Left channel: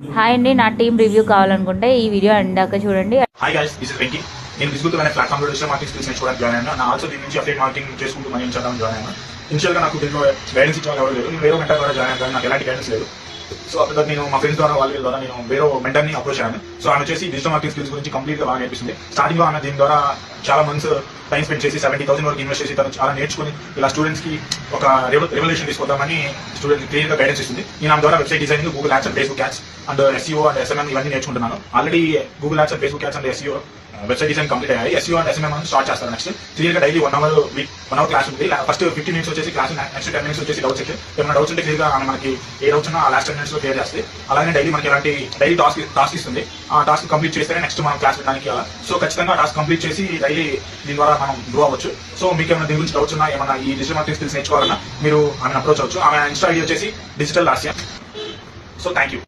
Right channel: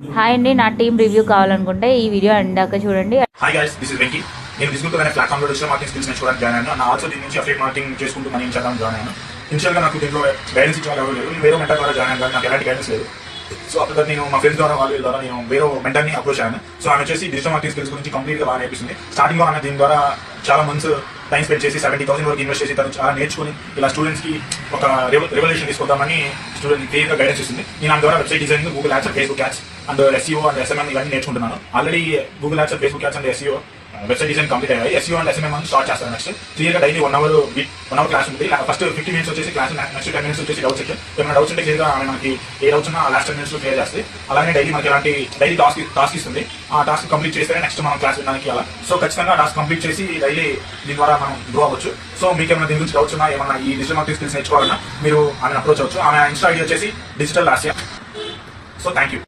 Hi అండి, నా team review కావాలనుకుంటే ఈ వీడియో అందాక చూడండి. Hi guys, this is Venky. నేను ఫేస్బుక్ అనే ప్లాట్ఫామ్ లో డిజిటల్ మార్కెటింగ్ స్కిల్స్ నేర్చుకోవడానికి జాయిన్ అయ్యాను. నా ఆల్సో దీని నుంచి అఫిలియేట్ మార్కెటింగ్ చేసుకుంటూ మనీ చేయడం జాయిన్ అయ్యాను. ఇనిషియల్ గా నాకు దీంట్లో గైడెన్స్ ఇచ్చేవాళ్ళు ఎవరు లేదు. వేరే మెంటర్ ద్వారా జాయిన్ అయ్యాను. నాకు ఎలాంటి గైడెన్స్ లేదు. సో అప్పుడు నేను మా ఫ్రెండ్స్ ద్వారా వాళ్ళ ద్వారా నేను వేరే మెంటర్ ని అప్రోచ్ అయ్యాను. సో ఆమె వచ్చేసి డిజిటల్ మార్కెటింగ్ స్కిల్స్ గురించి కంప్లీట్ గా బాగా నేర్పిస్తుంది. స్టార్టింగ్ లో ఆమె దీని ద్వారా చాలా మంత్స్ టైం స్పెండ్ చేసి 70,000 వరకు ఇన్వెస్ట్ చేసి తను చాలా నేర్చుకుని ఇలా స్టూడెంట్స్ కి ఒక రెవల్యూషన్ తీసుకుందామని స్టూడెంట్ క్లియర్ గా గైడెన్స్ ఇస్తుంది. నేను దాని ద్వారా website designing, Google ads, Facebook ads and SEO and SMM ఇవన్నీ నేర్చుకుంటున్నాను. Already Google ads, Facebook ads and SEO website design complete అయ్యాయి. SEO అండ్ SMM స్టార్ట్ చేస్తాను. నెక్స్ట్ క్లియర్ గా డైలీ 1 అవర్ క్లాస్ ఉంటుంది. ఫస్ట్ 15 మినిట్స్ వచ్చేసి class, next 10 minutes వచ్చేసి doubt section. ఏమైనా doubts ఉంటే క్లియర్ గా మనకి ఏ డౌట్స్ ఉన్నా ఆ లాస్ట్ 10 మినిట్స్ లో క్లియర్ చేస్తే, అలాగే డైలీ మనకి ఎలాంటి డైలీ టాస్క్ ఇస్తుంది. ఆ టాస్క్ కంప్లీట్ చేస్తేనే నెక్స్ట్ మనం క్లాస్ వినడానికి అలా. సో ఖచ్చితంగా టాస్క్ కంప్లీట్ చేసి డైలీ దీని ద్వారా మనం గ్రో అవ్వచ్చు. సో మీకు ఏమైనా దీని గురించి డౌట్స్ ఉన్నా, ఏమైనా ఈ డిజిటల్ మార్కెటింగ్ స్కిల్స్ నేర్చుకోవాలన్నా మీరు ఆమె అప్రోచ్ అవ్వచ్చు. ఆమె ఇన్స్టా ఐడి వచ్చేసి digital Lasya. So thank you.